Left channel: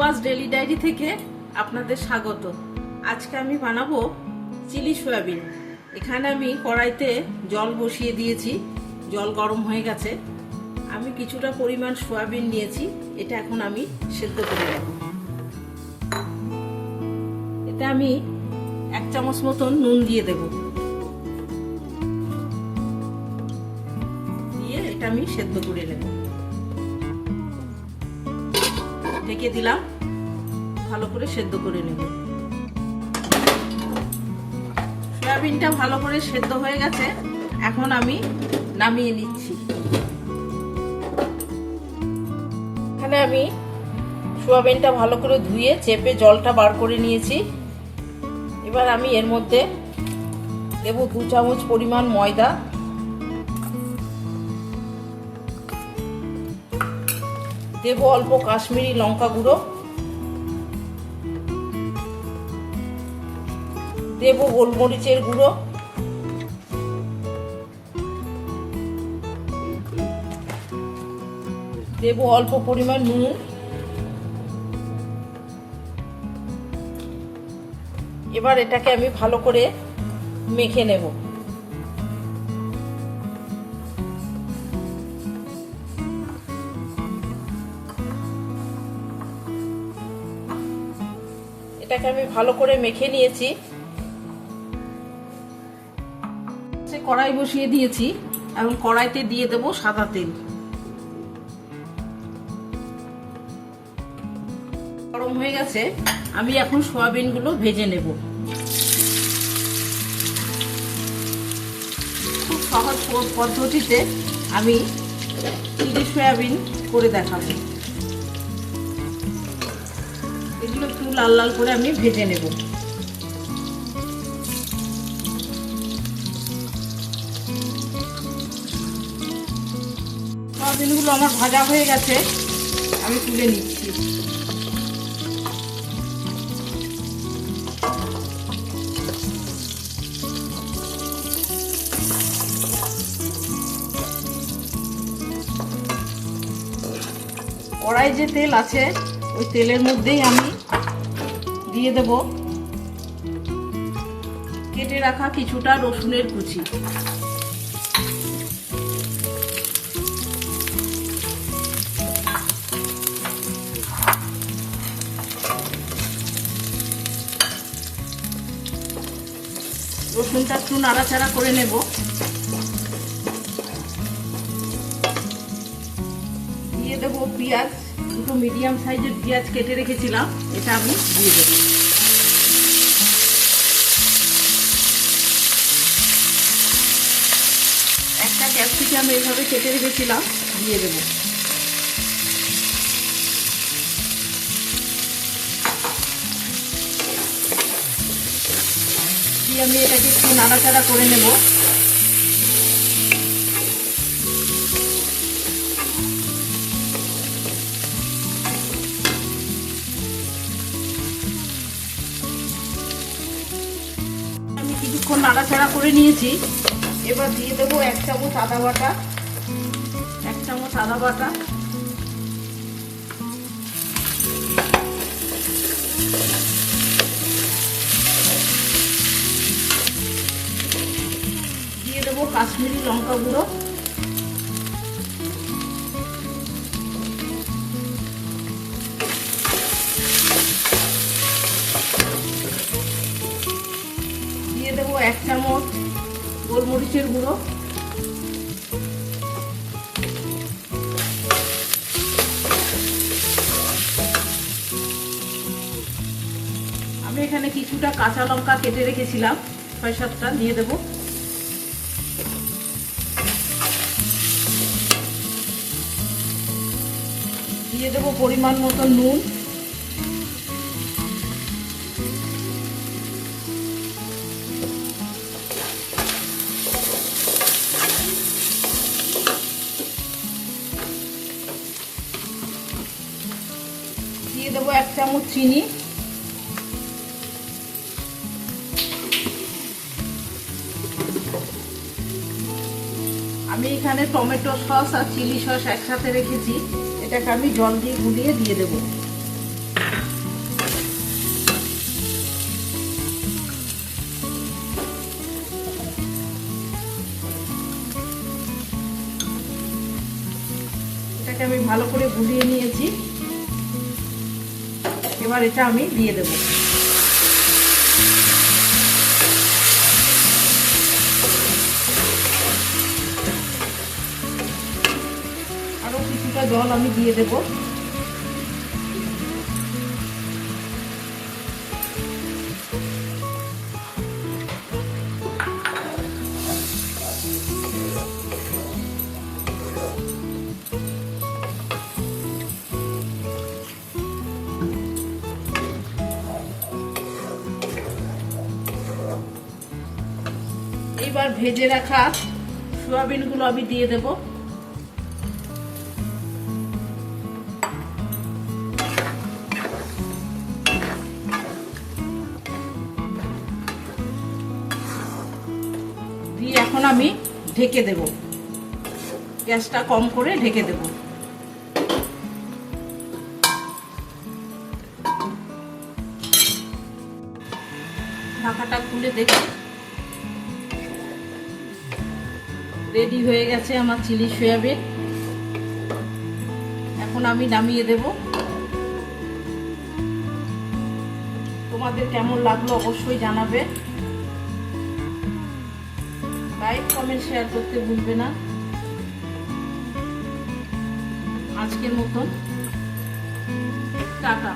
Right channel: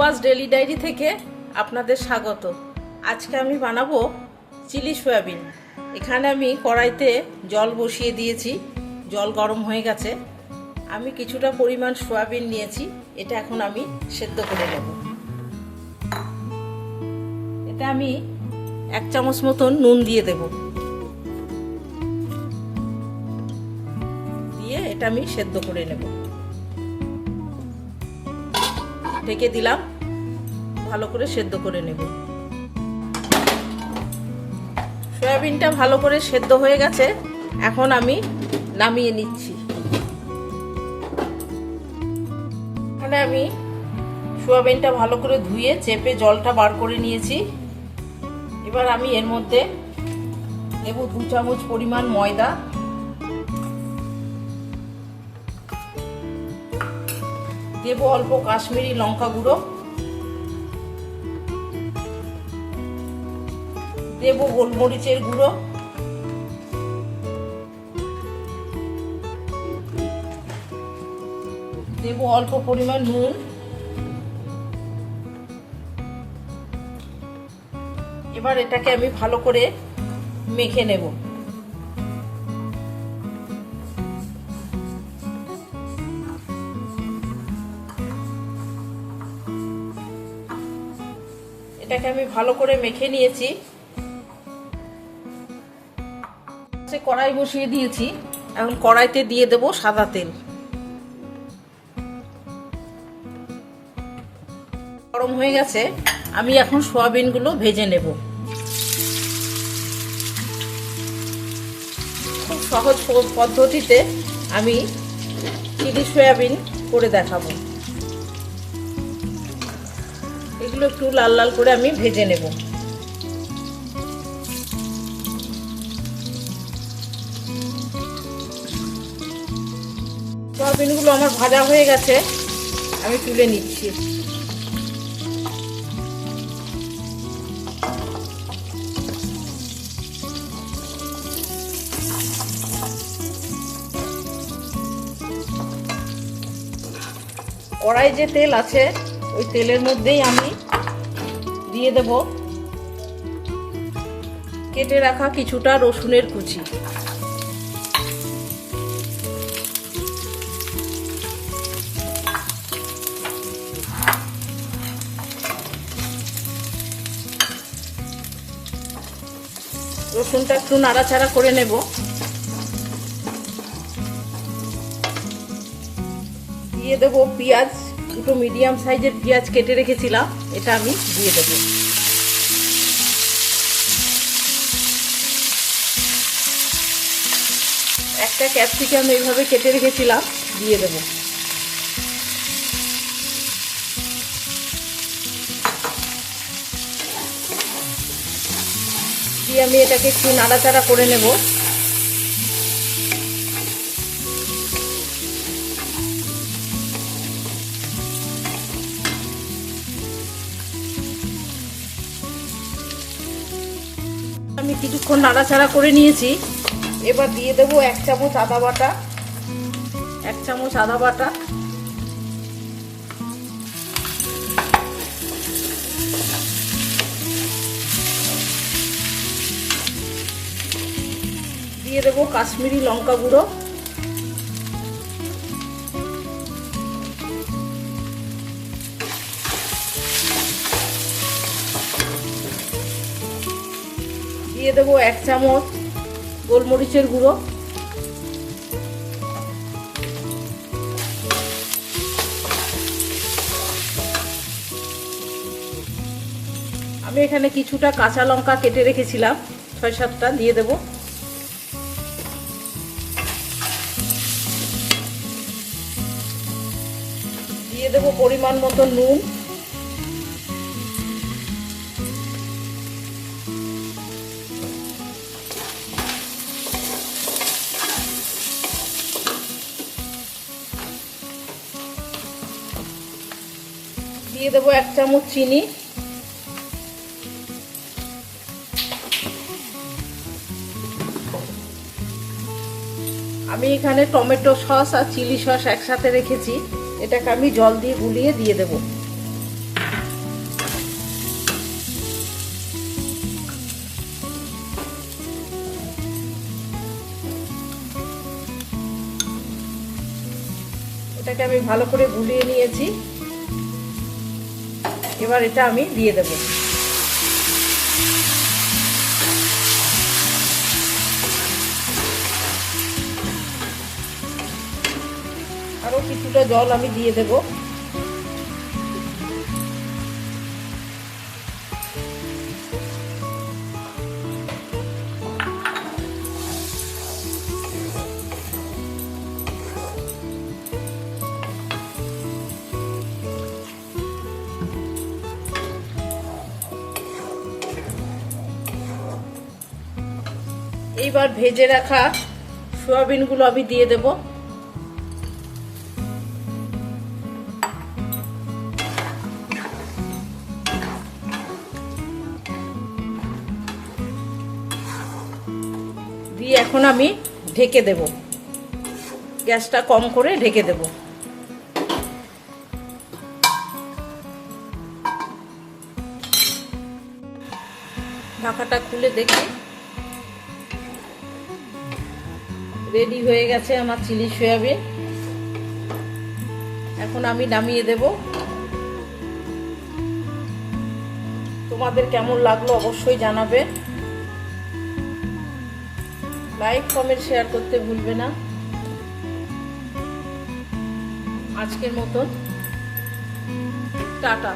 Rupa's daily diary থেকে আপনাদের স্বাগত। আজকে আমি বানাবো চিলি সয়াবিন। এখানে আমি কড়াইতে জল বসিয়ে দিয়েছি, জল গরম হয়ে গেছে। আমি কিছুটা পরিমাণ সয়াবিন নিয়েছি, এটা এখন আমি সেদ্ধ করে নেব। এটা আমি 1 চামচ মতন নুন দিয়ে দেব, দিয়ে এটা আমি সেদ্ধ করে নেব। ঢেকে দিলাম, ভালো করে সেদ্ধ করে নেব। সয়াবিনটা ভালো করে সেদ্ধ হয়ে গেছে, এখন আমি নামিয়ে নিচ্ছি। এখানে আমি সয়াবিনটা ভালো করে ধুয়ে চেপে জলটা বার করে নিয়েছি। এবার আমি এর মধ্যে দেব 2 চামচ পরিমাণ ময়দা, দেব অল্প কাশ্মীরি লঙ্কা গুঁড়ো, দেব গোলমরিচের গুঁড়ো, দেব অল্প পরিমাণ নুন। এবার এটাকে আমি ভালো করে মেখে নেব। এটাকে আমি ভালো করে মেখে নিয়েছি। কড়াই বসিয়ে দিয়েছি, এখন কড়াইতে দিয়ে দেব সাদা তেল। গরম হয়ে গেছে, আমি এখন সয়াবিনগুলো ভেজে নেব। খুব সহজ পদ্ধতিতে আমি চিলি সয়াবিন করে দেখাবো। এগুলো একটু লাল লাল করে আমি ভেজে নেব। সয়াবিনগুলো আমার ভাজা হয়ে গেছে, আমি তুলে নিচ্ছি। কড়াই যে তেল আছে, ওই তেলের মধ্যেই আমি দিয়ে দেব কেটে রাখা কিছুটা রসুনের কুচি। রসুনটা একটু নাড়াচাড়া করে নেব। দিয়ে দেব পেঁয়াজ, দুটো মিডিয়াম সাইজের পেঁয়াজ কেটে রেখেছিলাম, এটা আমি দিয়ে দেব। একটা ক্যাপসিকাম এইভাবে কেটে রেখেছিলাম, দিয়ে দেব। দিয়ে আমি এটাকে একটু নাড়াচাড়া করে নেব। আমি কিছুক্ষণ নাড়াচাড়া করে নিয়েছি। এবার দিয়ে দেবো 1 চামচ আদা বাটা, 1 চামচ আদা বাটা, দিয়ে দেবো কাশ্মীরি লঙ্কা গুঁড়ো, দিয়ে দেবো 1 চামচ গোলমরিচের গুঁড়ো, আমি এখানে কিছুটা কাঁচা লঙ্কা কেটে রেখেছিলাম, 6-7টা দিয়ে দেব। দিয়ে দেব পরিমাণ মতো নুন, দিয়ে দেবো 1 চামচ চিনি, আমি এখানে টমেটো সস আর চিলি সস একসাথে রেখেছি, এটাকে আমি জল দিয়ে গুলিয়ে দিয়ে দেব। এটাকে আমি ভালো করে গুলিয়ে নিয়েছি। এবার এটা আমি দিয়ে দেব। আরো কিছুটা জল আমি দিয়ে দেব। এইবার ভেজে রাখা সয়াবিনগুলো আমি দিয়ে দেব। দিয়ে এখন আমি ঢেকে দেব, গ্যাসটা কম করে ঢেকে দেব। ঢাকাটা খুলে দেখি, রেডি হয়ে গেছে আমার চিলি সয়াবিন। এখন আমি নামিয়ে দেব। তোমাদের কেমন লাগলো অবশ্যই জানাবে। লাইক কমেন্ট শেয়ার করতে ভুলবে না। আজকের মতন টাটা।